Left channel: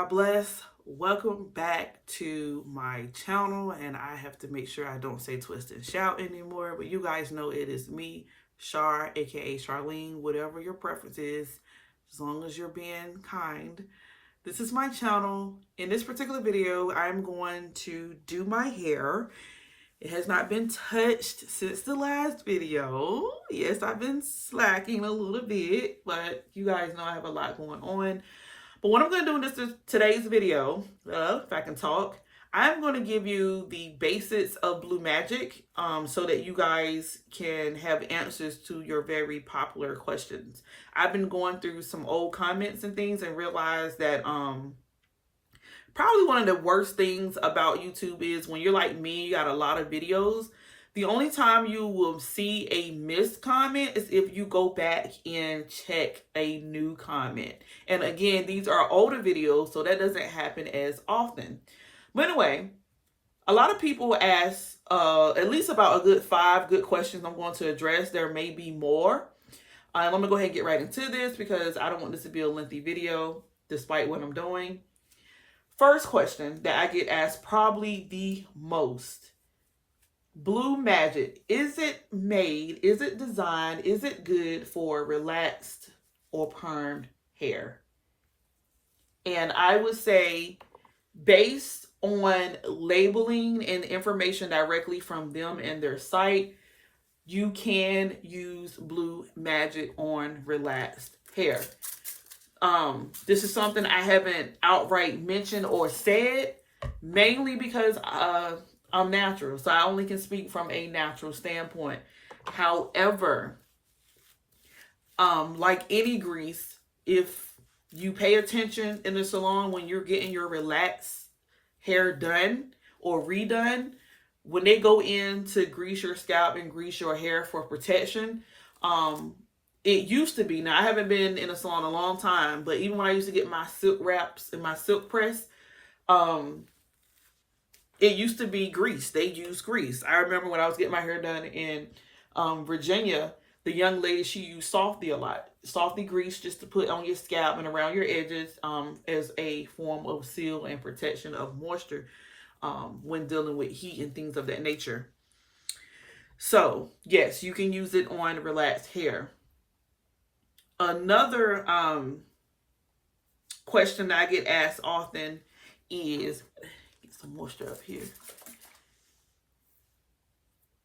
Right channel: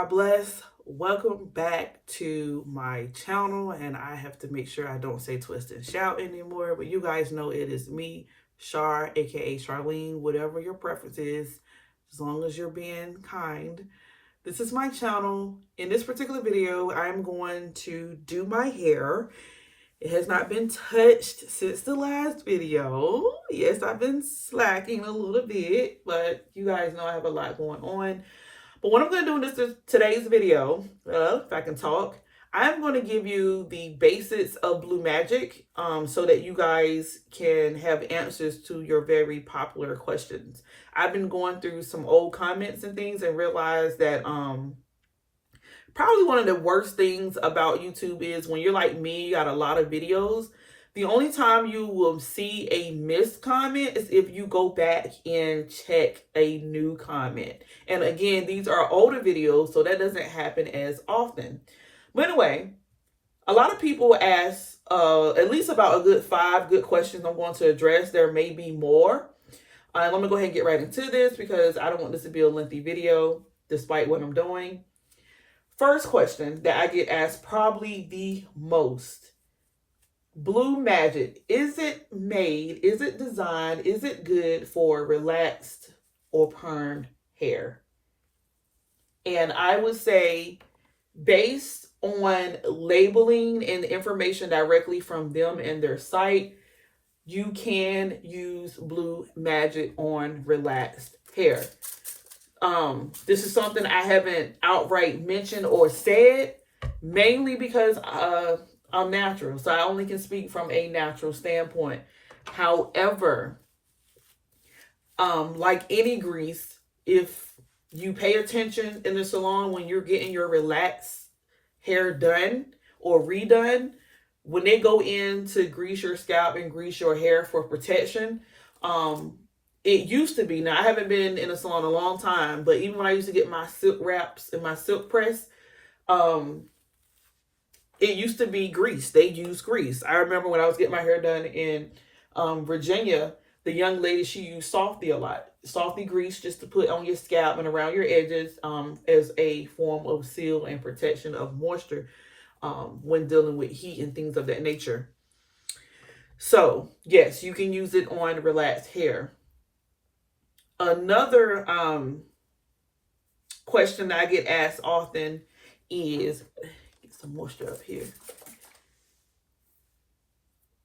God bless. Welcome back to my channel. And I have to make sure I don't say twist and shout anymore. But you guys know it is me, Char, aka Charlene, whatever your preference is, as long as you're being kind. This is my channel. In this particular video, I'm going to do my hair. It has not been touched since the last video. Yes, I've been slacking a little bit, but you guys know I have a lot going on. But what I'm going to do in today's video, if I can talk, I'm going to give you the basics of Blue Magic so that you guys can have answers to your very popular questions. I've been going through some old comments and things and realized that probably one of the worst things about YouTube is when you're like me, you got a lot of videos. The only time you will see a missed comment is if you go back and check a new comment. And again, these are older videos, so that doesn't happen as often. But anyway, a lot of people ask at least about a good 5 good questions I'm going to address. There may be more. I'm going to go ahead and get right into this because I don't want this to be a lengthy video despite what I'm doing. First question that I get asked probably the most. Blue Magic, is it made, is it designed, is it good for relaxed or permed hair? And I would say based on labeling and information directly from them and their site, you can use Blue Magic on relaxed hair. This is something I haven't outright mentioned or said, mainly because I'm natural, so I only can speak from a natural standpoint. However, like any grease, if you pay attention in the salon when you're getting your relaxed hair done or redone, when they go in to grease your scalp and grease your hair for protection, it used to be, now I haven't been in a salon a long time, but even when I used to get my silk wraps and my silk press, it used to be grease. They used grease. I remember when I was getting my hair done in Virginia, the young lady, she used Softy a lot. Softy grease just to put on your scalp and around your edges as a form of seal and protection of moisture when dealing with heat and things of that nature. So, yes, you can use it on relaxed hair. Another question that I get asked often is, get some moisture up here.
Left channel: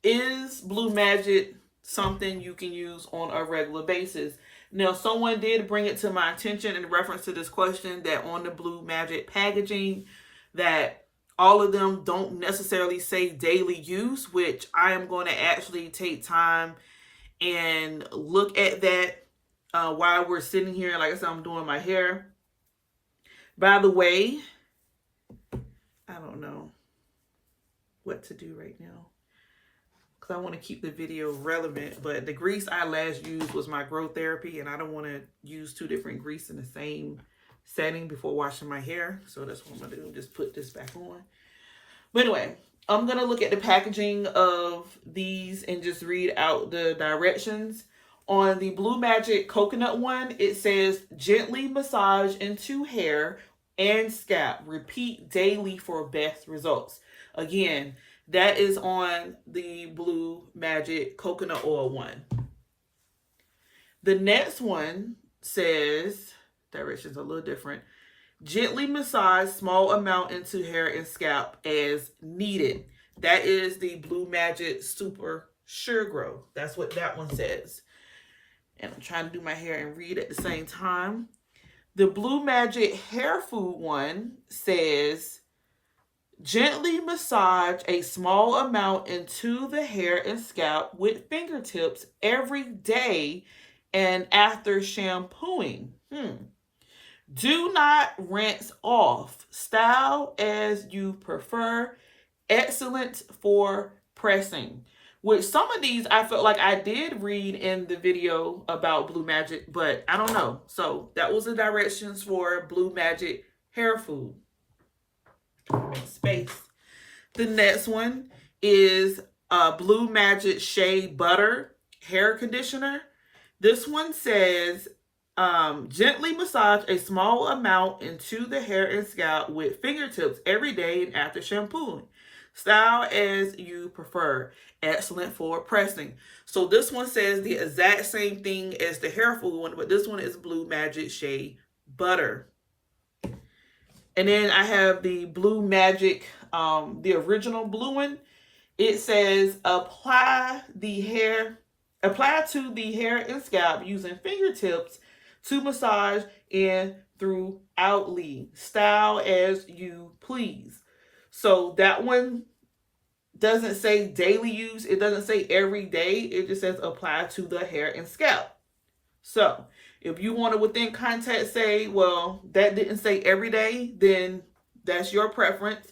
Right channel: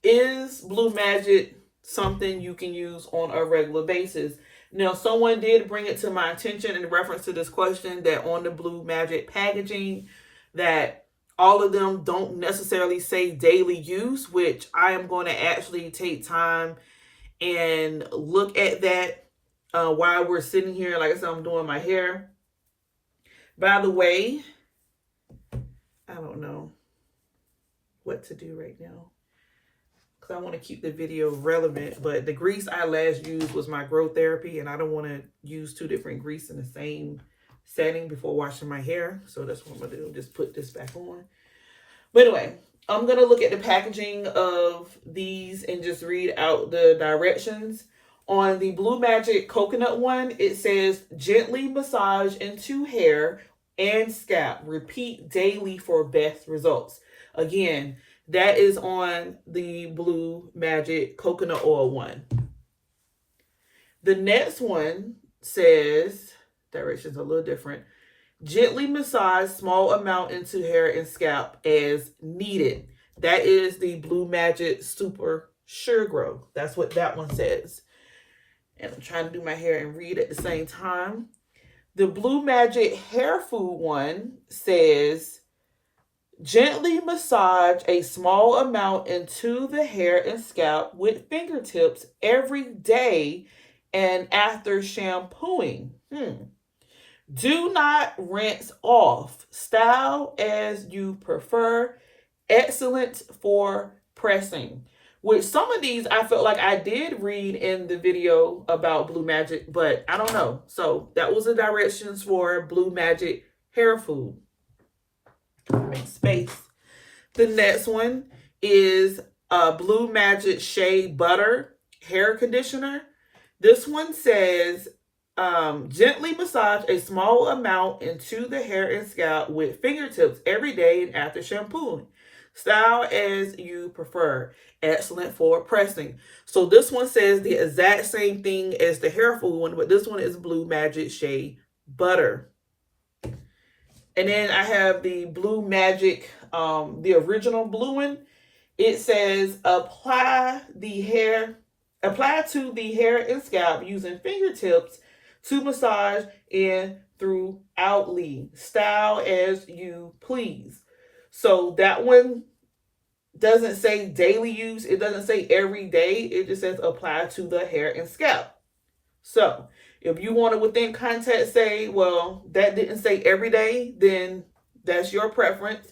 Is Blue Magic something you can use on a regular basis? Now, someone did bring it to my attention in reference to this question that on the Blue Magic packaging, that all of them don't necessarily say daily use, which I am going to actually take time and look at that while we're sitting here. Like I said, I'm doing my hair. By the way, I don't know what to do right now because I want to keep the video relevant, but the grease I last used was my growth therapy, and I don't want to use 2 different grease in the same setting before washing my hair. So that's what I'm going to do, just put this back on. But anyway, I'm going to look at the packaging of these and just read out the directions. On the Blue Magic coconut one, it says gently massage into hair and scalp. Repeat daily for best results. Again, that is on the Blue Magic coconut oil one. The next one says, directions a little different. Gently massage small amount into hair and scalp as needed. That is the Blue Magic Super Sure Grow. That's what that one says. And I'm trying to do my hair and read at the same time. The Blue Magic Hair Food one says, gently massage a small amount into the hair and scalp with fingertips every day and after shampooing. Do not rinse off. Style as you prefer. Excellent for pressing. With some of these, I felt like I did read in the video about Blue Magic, but I don't know. So that was the directions for Blue Magic Hair Food. Make space. The next one is Blue Magic Shea Butter Hair Conditioner. This one says Gently massage a small amount into the hair and scalp with fingertips every day and after shampooing. Style as you prefer. Excellent for pressing. So this one says the exact same thing as the hair food one, but this one is Blue Magic Shea Butter. And then I have the Blue Magic, the original blue one. It says apply to the hair and scalp using fingertips to massage in throughoutly. Style as you please. So that one doesn't say daily use. It doesn't say every day. It just says apply to the hair and scalp. So if you want to within context say, well, that didn't say every day, then that's your preference.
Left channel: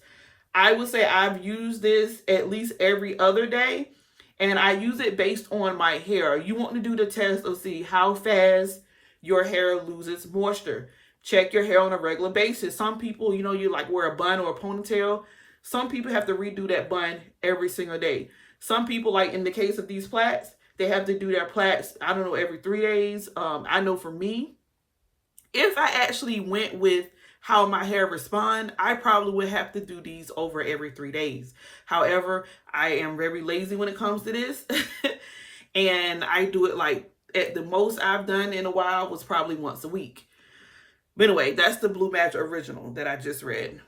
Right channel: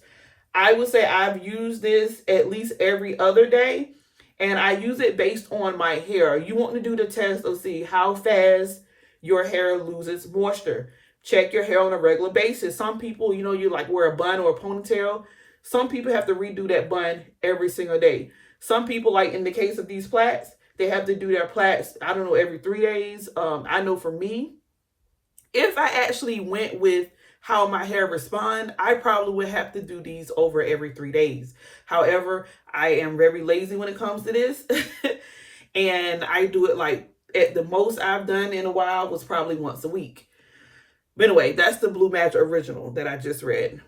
I would say I've used this at least every other day, and I use it based on my hair. You want to do the test of see how fast your hair loses moisture. Check your hair on a regular basis. Some people, you like wear a bun or a ponytail. Some people have to redo that bun every single day. Some people, like in the case of these plaits, they have to do their plaits, I don't know, every 3 days. I know for me, if I actually went with how my hair respond, I probably would have to do these over every 3 days. However, I am very lazy when it comes to this. And I do it like at the most I've done in a while was probably once a week. But anyway, that's the Blue Magic Original that I just read.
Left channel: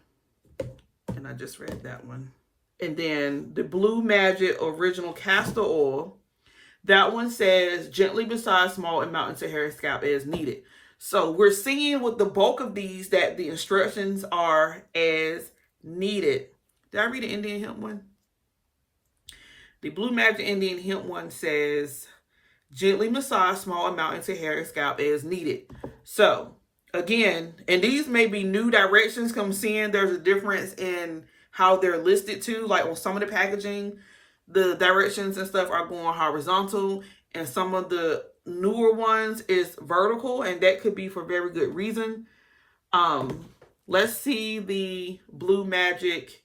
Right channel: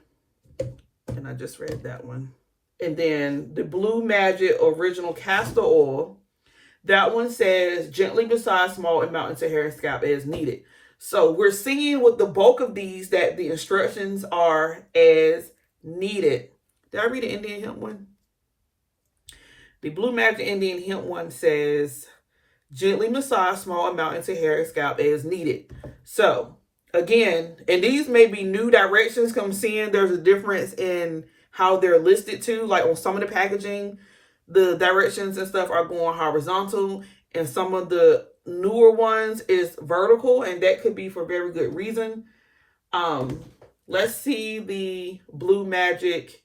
And I just read that one. And then the Blue Magic Original Castor Oil. That one says gently massage small amount into hair and scalp as needed. So we're seeing with the bulk of these that the instructions are as needed. Did I read the Indian hemp one? The Blue Magic Indian hemp one says gently massage small amount into hair and scalp as needed. So again, and these may be new directions. Come seeing there's a difference in how they're listed too. Like on some of the packaging, the directions and stuff are going horizontal, and some of the newer ones is vertical, and that could be for very good reason. Let's see the Blue Magic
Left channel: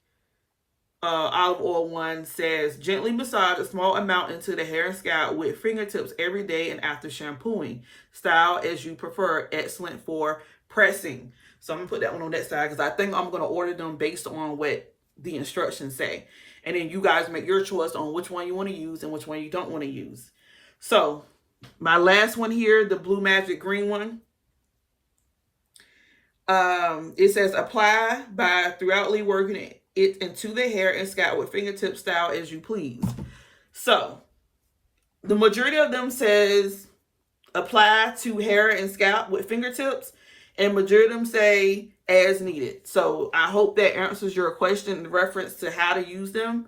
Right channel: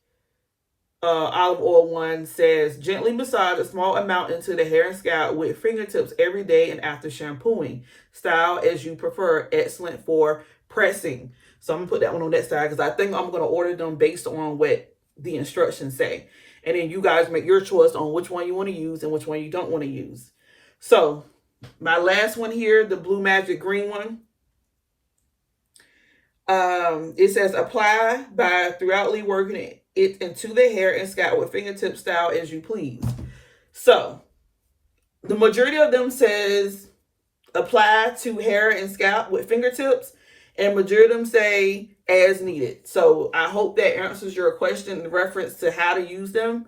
olive oil one says gently massage a small amount into the hair and scalp with fingertips every day and after shampooing. Style as you prefer. Excellent for pressing. So I'm gonna put that one on that side because I think I'm gonna order them based on what the instructions say. And then you guys make your choice on which one you want to use and which one you don't want to use. So my last one here, the Blue Magic green one. It says apply by throughoutly working it into the hair and scalp with fingertip style as you please. So the majority of them says apply to hair and scalp with fingertips, and majority of them say as needed. So I hope that answers your question in reference to how to use them.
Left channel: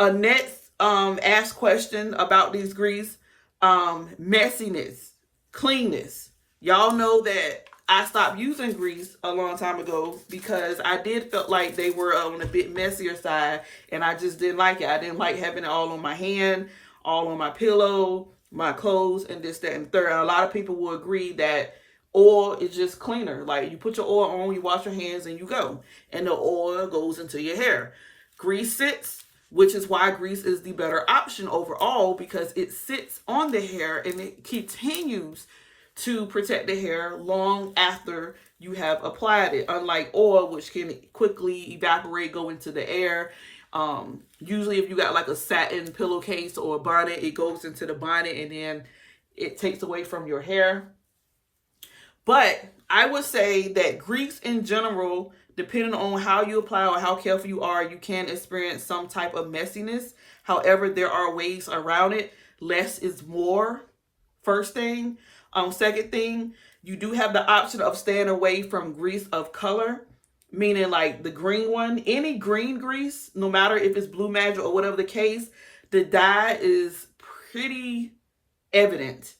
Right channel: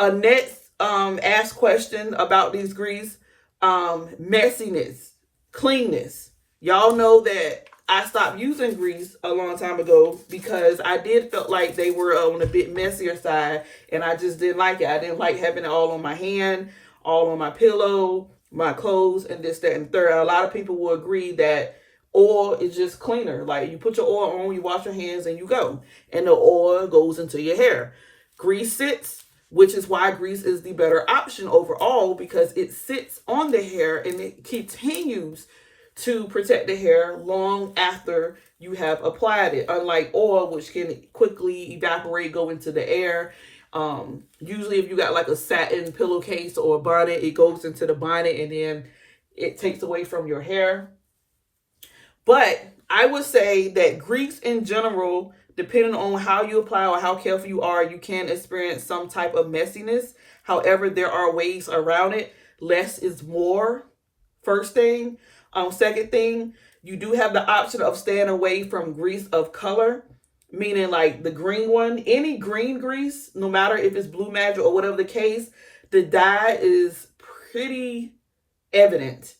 Next asked question about these grease, messiness, cleanness. Y'all know that I stopped using grease a long time ago because I did felt like they were on a bit messier side, and I just didn't like it. I didn't like having it all on my hand, all on my pillow, my clothes, and this, that, and third. A lot of people will agree that oil is just cleaner. Like you put your oil on, you wash your hands, and you go. And the oil goes into your hair. Grease sits, which is why grease is the better option overall, because it sits on the hair and it continues to protect the hair long after you have applied it. Unlike oil, which can quickly evaporate, go into the air. Usually if you got like a satin pillowcase or a bonnet, it goes into the bonnet and then it takes away from your hair. But I would say that grease in general, depending on how you apply or how careful you are, you can experience some type of messiness. However, there are ways around it. Less is more, first thing. Second thing, you do have the option of staying away from grease of color, meaning like the green one. Any green grease, no matter if it's Blue Magic or whatever the case, the dye is pretty evident.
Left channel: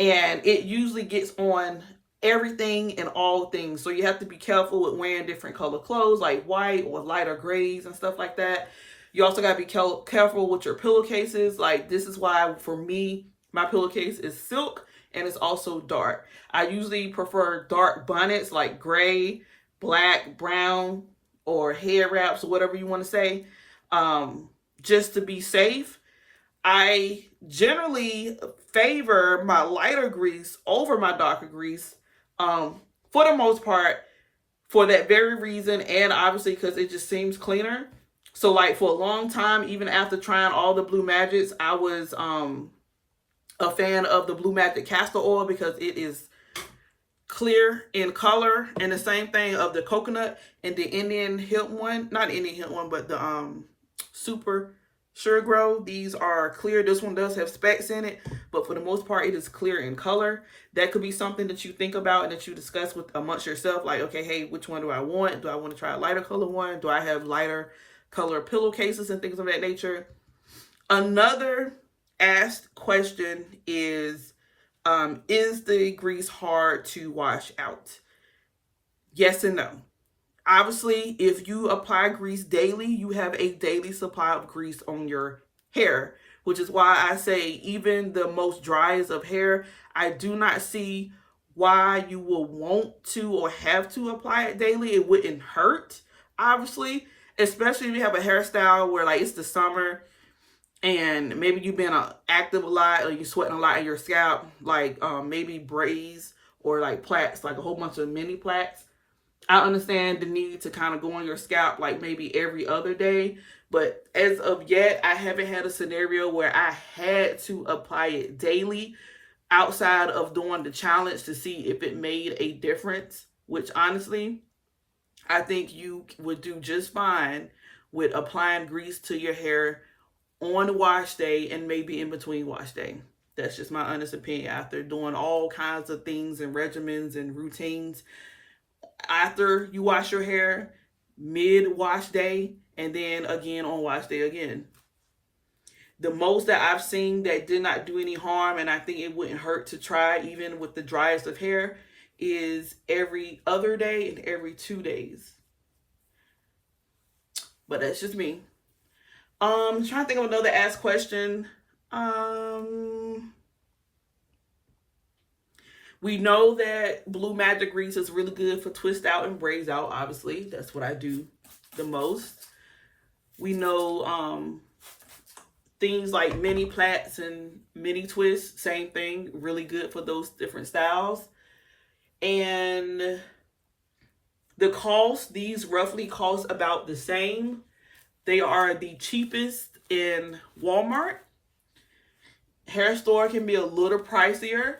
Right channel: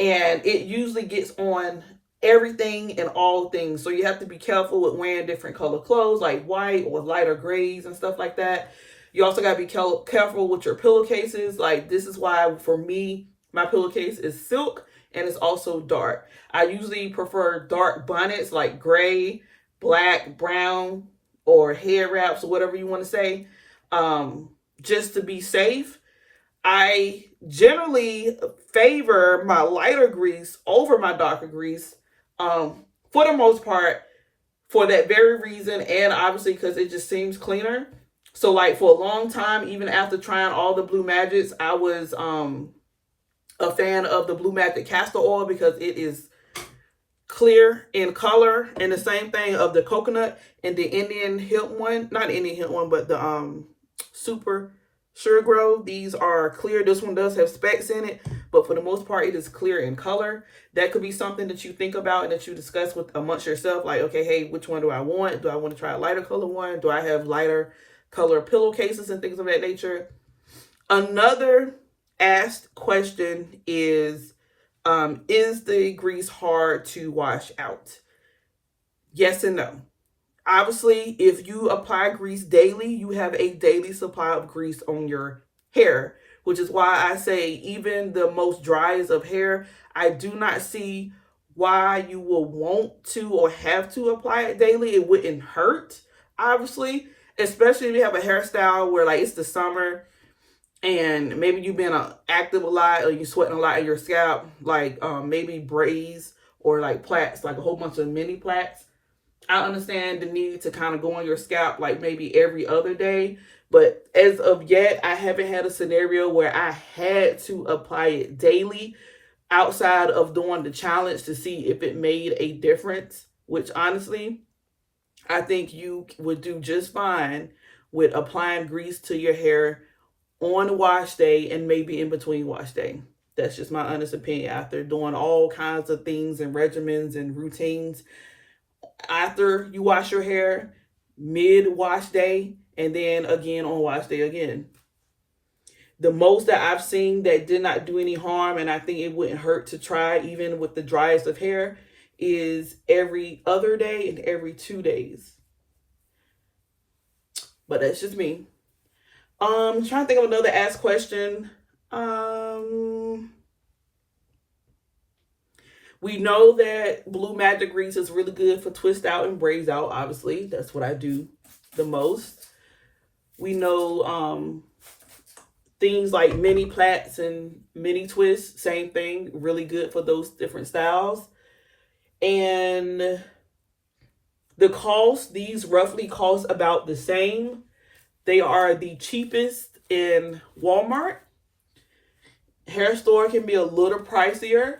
And it usually gets on everything and all things. So you have to be careful with wearing different color clothes like white or lighter grays and stuff like that. You also got to be careful with your pillowcases. Like this is why for me, my pillowcase is silk and it's also dark. I usually prefer dark bonnets like gray, black, brown, or hair wraps or whatever you want to say, just to be safe. I generally favor my lighter grease over my darker grease, for the most part, for that very reason, and obviously because it just seems cleaner. So like for a long time, even after trying all the Blue Magics, I was a fan of the Blue Magic castor oil because it is clear in color, and the same thing of the coconut and the Indian hemp one, not Indian hemp one, but the super sure grow. These are clear. This one does have specks in it, but for the most part it is clear in color. That could be something that you think about and that you discuss with amongst yourself, like, okay, hey, which one do I want? Do I want to try a lighter color one? Do I have lighter color pillowcases and things of that nature? Another asked question is the grease hard to wash out? Yes and no. Obviously, if you apply grease daily, you have a daily supply of grease on your hair, which is why I say even the most driest of hair, I do not see why you will want to or have to apply it daily. It wouldn't hurt, obviously, especially if you have a hairstyle where like it's the summer and maybe you've been active a lot or you're sweating a lot in your scalp, like maybe braids or like plaits, like a whole bunch of mini plaits. I understand the need to kind of go on your scalp like maybe every other day, but as of yet, I haven't had a scenario where I had to apply it daily outside of doing the challenge to see if it made a difference, which honestly, I think you would do just fine with applying grease to your hair on wash day and maybe in between wash day. That's just my honest opinion after doing all kinds of things and regimens and routines. After you wash your hair, mid-wash day, and then again on wash day again. The most that I've seen that did not do any harm, and I think it wouldn't hurt to try even with the driest of hair, is every other day and every 2 days. But that's just me. I'm trying to think of another asked question. We know that Blue Magic grease is really good for twist out and braids out. Obviously, that's what I do the most. We know things like mini plaits and mini twists, same thing, really good for those different styles. And the cost, these roughly cost about the same. They are the cheapest in Walmart. Hair store can be a little pricier,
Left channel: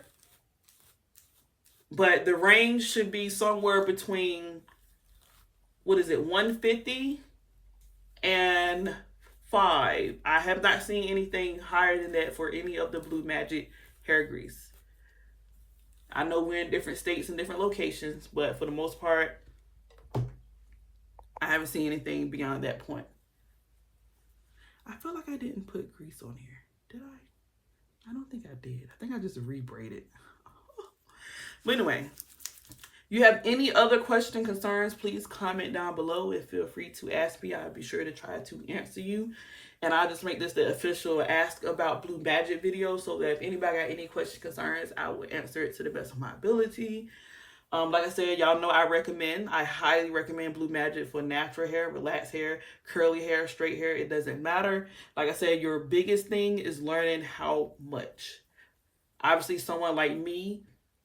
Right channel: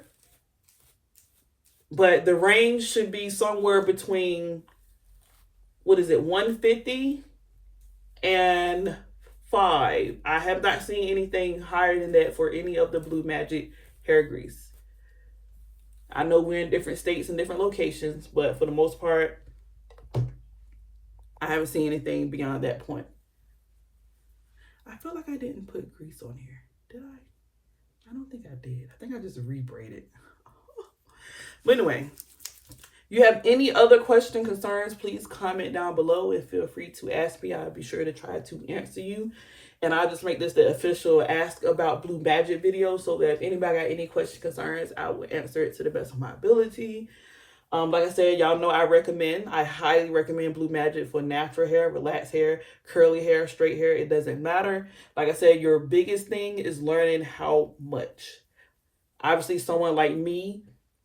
but the range should be somewhere between, what is it, $150 and $5. I have not seen anything higher than that for any of the Blue Magic hair grease. I know we're in different states and different locations, but for the most part, I haven't seen anything beyond that point. I feel like I didn't put grease on here. Did I? I don't think I did. I think I just rebraided. But anyway, you have any other question, concerns, please comment down below and feel free to ask me. I'll be sure to try to answer you. And I'll just make this the official Ask About Blue Magic video so that if anybody got any questions, concerns, I will answer it to the best of my ability. Like I said, y'all know I highly recommend Blue Magic for natural hair, relaxed hair, curly hair, straight hair. It doesn't matter. Like I said, your biggest thing is learning how much. Obviously, someone like me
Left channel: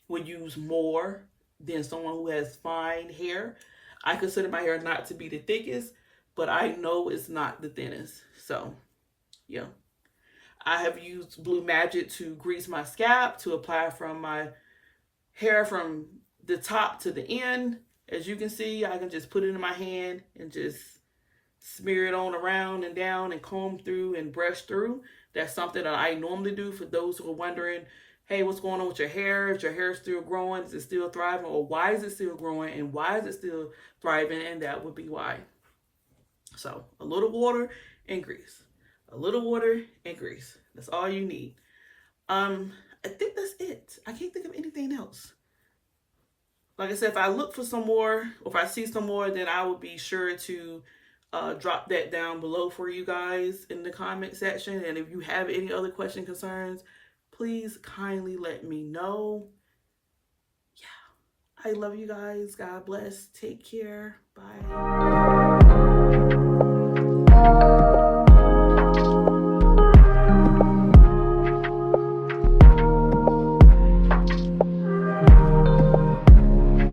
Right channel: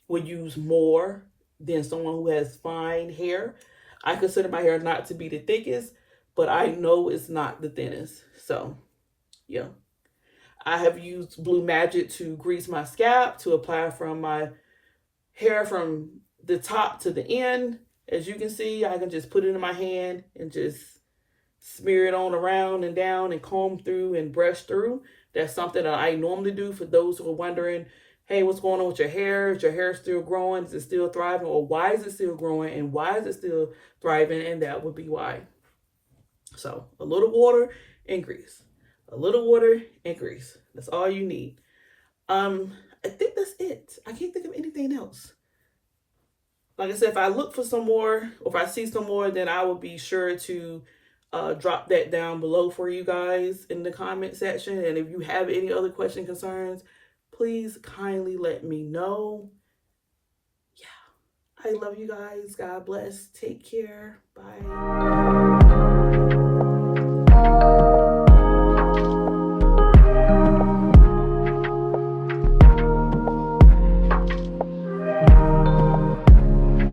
would use more than someone who has fine hair. I consider my hair not to be the thickest, but I know it's not the thinnest. So, yeah. I have used Blue Magic to grease my scalp, to apply from my hair from the top to the end. As you can see, I can just put it in my hand and just smear it on around and down and comb through and brush through. That's something that I normally do for those who are wondering, hey, what's going on with your hair? Is your hair still growing? Is it still thriving? Or why is it still growing? And why is it still thriving? And that would be why. So a little water and grease. A little water and grease. That's all you need. I think that's it. I can't think of anything else. Like I said, if I look for some more, or if I see some more, then I will be sure to drop that down below for you guys in the comment section. And if you have any other questions, concerns, please kindly let me know. Yeah, I love you guys. God bless. Take care. Bye.